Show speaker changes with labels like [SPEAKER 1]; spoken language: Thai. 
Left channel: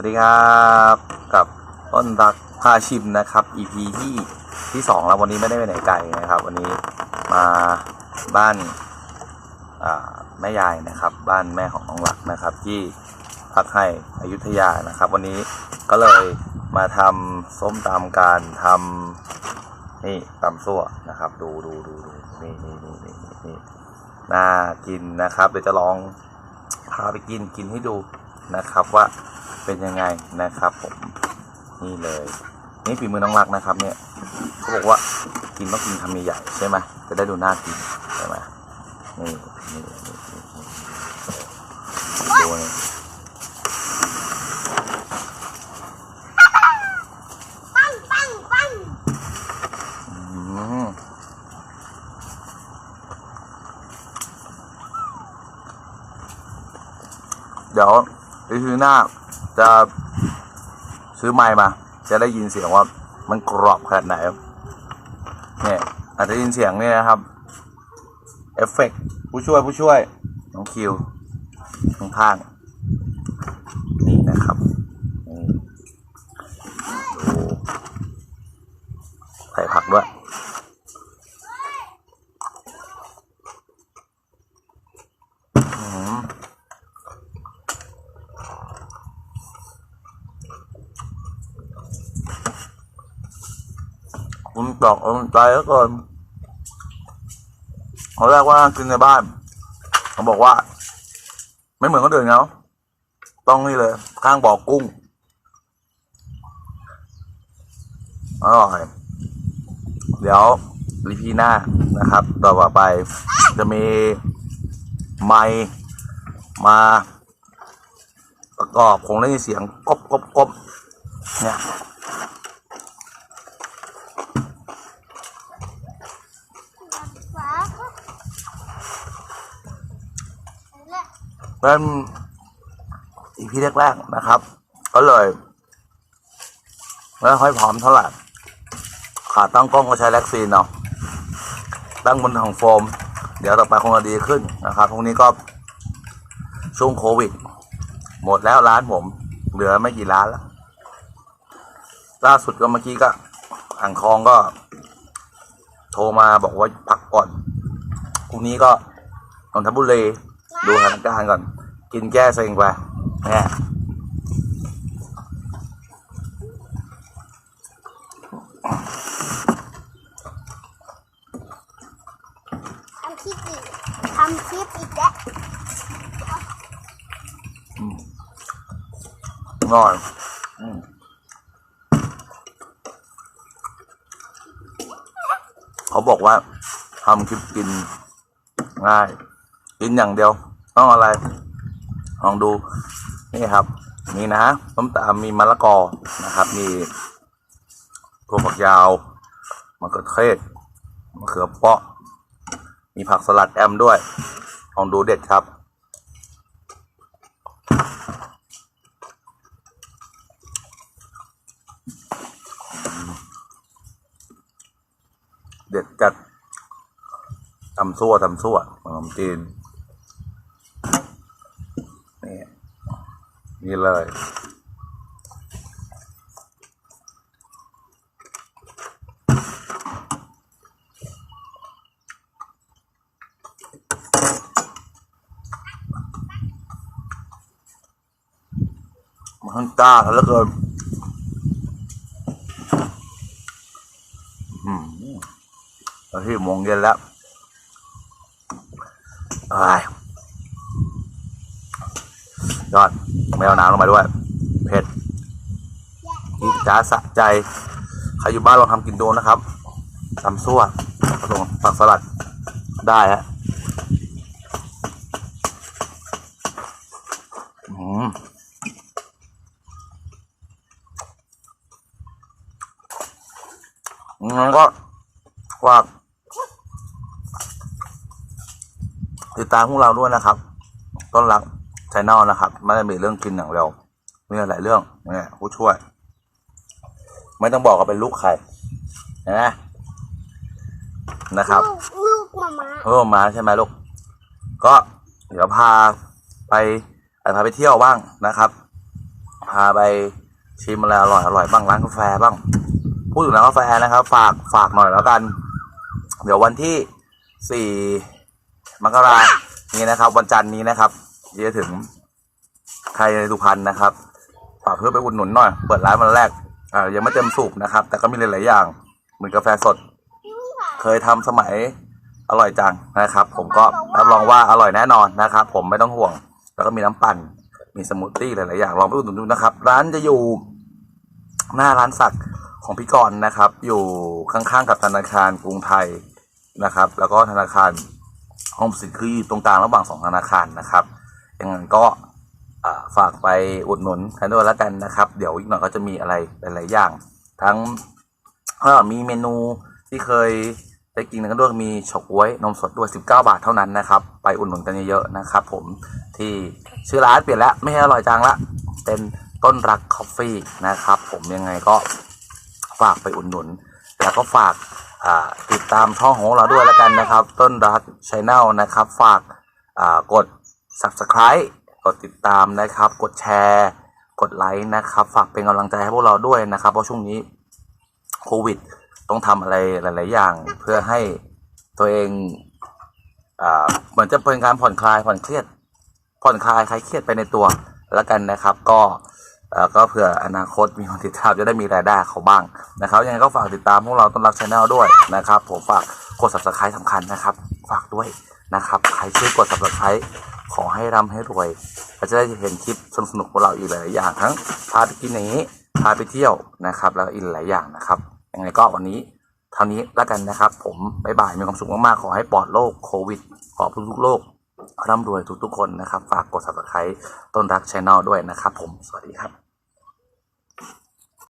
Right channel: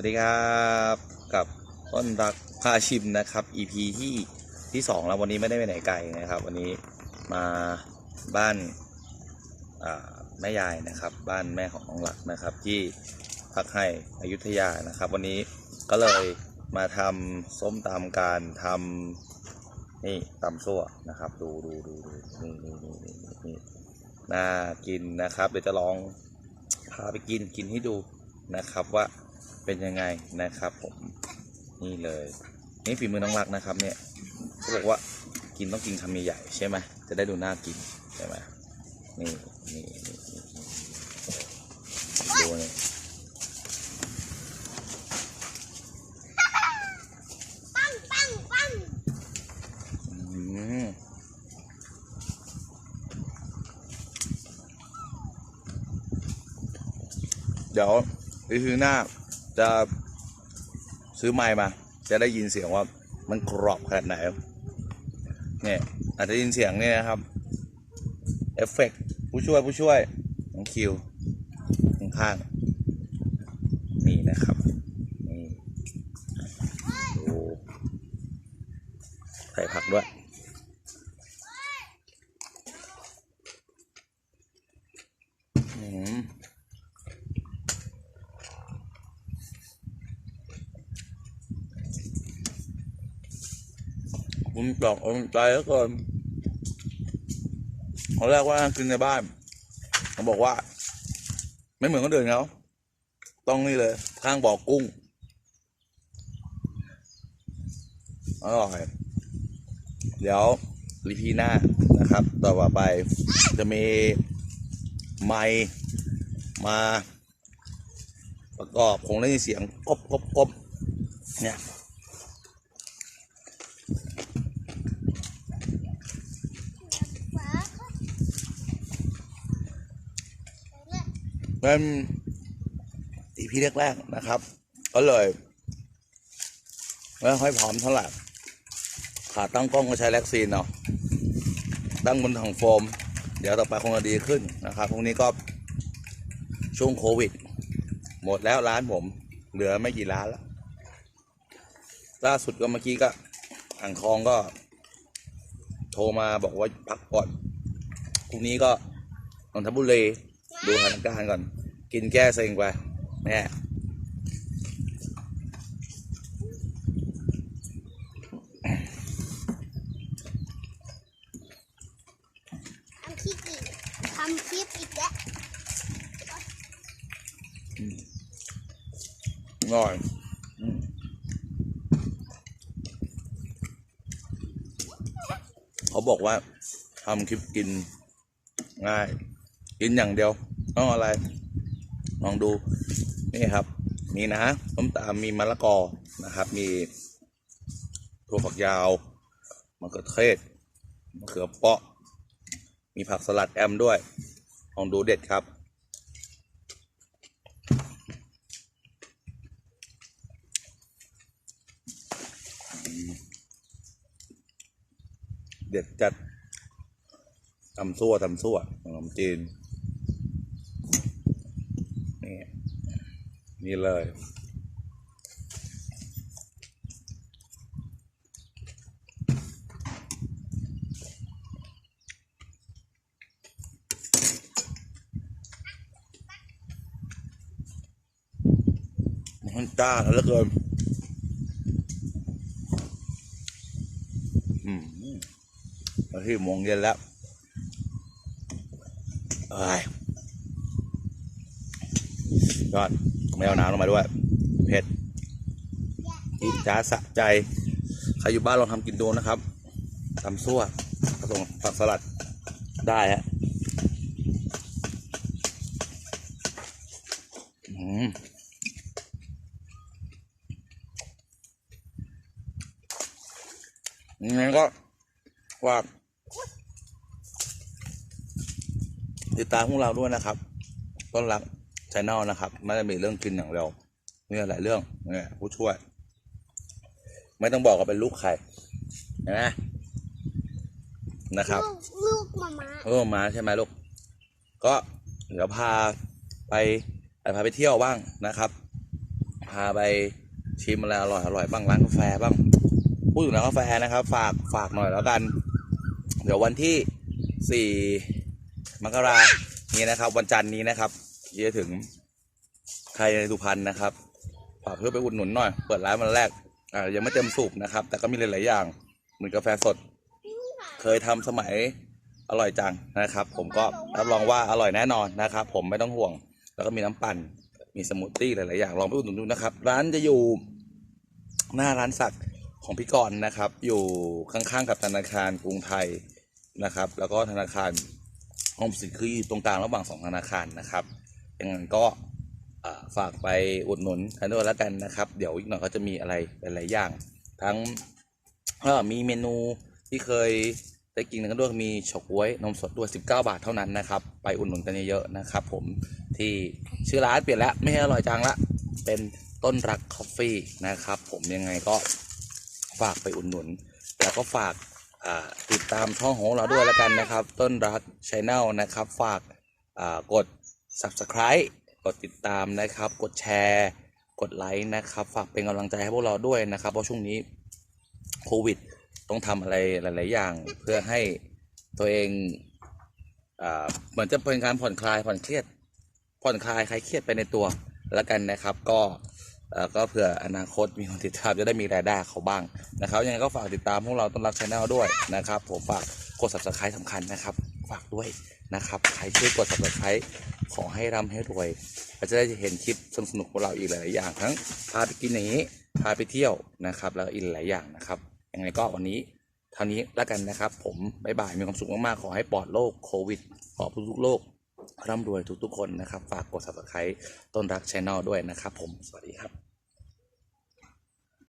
[SPEAKER 1] วัสดีครับกับต้นรักพาชิมนะครับ EP ที่ที่สองแล้ววันนี้ไม่ได้ไปไหนไกลนะครับ วันนี้มาบ้านแม่ยายนะครับ บ้านแม่ของน้องหลักนะครับ ที่พักให้อยุธยานะครับ วันนี้ก็เลยมาทำส้มตำการทำนี่ตำซั่วนะครับ ดูดูดูดูนี่นี่นี่นี่นี่น่ากินนะครับ เดี๋ยวจะลองพาไปกินกินให้ดูนะครับว่า เป็นยังไงนะครับผมนี่เลยนี่ฝีมือน้องรักนะครับเนี่ยเขาบอกว่ากินต้องกินคำใหญ่ๆใช่ไหมจะได้ดูน่ากินใช่ไหมนี่นี่นี่นี่นี่ดูนี่
[SPEAKER 2] ปังปังปัง
[SPEAKER 1] อืมเดี๋ยวไปซื้อหน้า จะซื้อไมค์มา จะได้ยินเสียงว่ามันกรอบขนาดไหนเนี่ยอาจจะยินเสียงเนี่ยนะครับเอฟเฟกต์ผู้ช่วยผู้ช่วยน้องคิวน้องพางนี่นะครับนี่ดูใส่ผักด้วย คุณตอกอาใจแล้วก่อนเขาแรกว่ากินในบ้านเขาบอกว่า ไม่เหมือนคนอื่นเขาต้องนี่เลย ข้างบ่อกุ้งอร่อยเดี๋ยวรีพีหน้านะครับ ต่อไปจะมีไมมา ประกอบคงได้ยินเสียงกบกบกบเนี่ย
[SPEAKER 2] ฟ้าก็และ
[SPEAKER 1] เป็นอีพีแรกๆนะครับ ก็เลยไม่ค่อยพร้อมเท่าไหร่ขาตั้งกล้องก็ใช้แล็กซีนเนาะตั้งบนถังโฟม เดี๋ยวต่อไปคงจะดีขึ้นนะครับพวกนี้ก็ช่วงโควิด หมดแล้วร้านผม เหลือไม่กี่ร้านแล้ว ล่าสุดก็เมื่อกี้ก็อ่างทองก็ โทรมาบอกว่าพักก่อนพรุ่งนี้ก็นนทบุรี ดูสถานการณ์ก่อน กินแก้เซ็งไปเนี่ย
[SPEAKER 2] ทำคลิปอีกทำคลิปอีกแล้ว
[SPEAKER 1] อร่อยอืมเขาบอกว่าทำคลิปกินง่าย กินอย่างเดียว ต้องอะไร ลองดูนี่ครับ มีนะต้มตามมีมะละกอนะครับ มีถั่วฝักยาวมะเขือเทศมะเขือเปาะ มีผักสลัดแอมด้วย ลองดูเด็ดครับเด็ดจัดตำซั่วตำซั่วขนมจีน นี่เลย มันจ้าแล้วเกินอืมตอนที่โมงเย็นแล้วเอ้ยยอด ไม่เอาน้ำลงมาด้วย เผ็ดจีดจ้าสะใจ ใครอยู่บ้านลองทำกินดูนะครับตำซั่วผสมผักสลัดได้ฮะอืมงั้นก็ฝากติดตามพวกเราด้วยนะครับ ต้อนรัก ชแนลนะครับ ไม่ได้มีเรื่องกินอย่างเดียวมีหลายเรื่องเนี่ยผู้ช่วย ไม่ต้องบอกว่าเป็นลูกใครนะนะครับ
[SPEAKER 2] ลูกลูกมามา
[SPEAKER 1] เออมาใช่ไหมลูก ก็เดี๋ยวพาไปอาจพาไปเที่ยวบ้างนะครับ พาไปชิมอะไรอร่อยอร่อยบ้างร้านกาแฟบ้าง พูดถึงร้านกาแฟนะครับ ฝากฝากหน่อยแล้วกัน เดี๋ยววันที่สี่มกรานี้นะครับ วันจันทร์นี้นะครับ ที่จะถึงใครในสุพรรณนะครับฝากเพื่อนไปอุดหนุนหน่อย เปิดร้านวันแรกอ่ายังไม่เต็มสูบนะครับ แต่ก็มีหลาย ๆ อย่าง เหมือนกาแฟสด เคยทำสมัยอร่อยจังนะครับ ผมก็รับรองว่าอร่อยแน่นอนนะครับ ผมไม่ต้องห่วง แล้วก็มีน้ำปั่น มีสมูทตี้หลาย ๆ อย่างลองไปอุดหนุนดูนะครับ ร้านจะอยู่หน้าร้านสักของพี่กรณ์นะครับ อยู่ข้าง ๆ กับธนาคารกรุงไทยนะครับ แล้วก็ธนาคารออมสินคืออยู่ตรงกลางระหว่างสองธนาคารนะครับ ยังไงก็ฝากไปอุดหนุนกันด้วยแล้วกันนะครับ เดี๋ยวอีกหน่อยก็จะมีอะไรหลายๆอย่าง ทั้งมีเมนูที่เคยได้กินกันด้วยมีฉก๊วยนมสดด้วย 19 บาทเท่านั้นนะครับ ไปอุดหนุนกันเยอะๆนะครับ ผมที่ชื่อร้านเปลี่ยนแล้วไม่ให้อร่อยจังละเป็นต้นรักคอฟฟี่นะครับ ผมยังไงก็ฝากไปอุดหนุน แล้วก็ฝากติดตามช่องของเราด้วยแล้วกันนะครับ ต้นรักชแนลนะครับ ฝากกด subscribe กดติดตามนะครับ กดแชร์ กดไลค์นะครับ ฝากเป็นกำลังใจให้พวกเราด้วยนะครับ เพราะช่วงนี้โควิด ต้องทำอะไรหลาย ๆ อย่าง เพื่อให้ตัวเองเหมือนจะเป็นการผ่อนคลายผ่อนเครียด ผ่อนคลายคลายเครียดไปในตัวแล้วกันนะครับ ก็ก็เผื่ออนาคตมีคนติดตามจะได้มีรายได้เขาบ้างนะครับยังไงก็ฝากติดตามพวกเราต้นรักชาแนลด้วยนะครับผมฝากกด subscribe สำคัญนะครับ ฝากด้วยนะครับใครช่วยกด subscribe ขอให้ร่ำให้รวยเราจะได้เห็นคลิปสนุกๆของเราอีกหลายๆอย่างทั้งพาไปกินอย่างนี้พาไปเที่ยวนะครับ แล้วอีกหลายอย่างนะครับยังไงก็วันนี้เท่านี้แล้วกันนะครับ ผมบ๊ายบายมีความสุขมากๆขอให้ปลอดโรคโควิด ขอทุกๆโรคร่ำรวยทุกๆคนนะครับ ฝากกด subscribe ต้นรักช่องด้วยนะครับ ผมสวัสดีครับ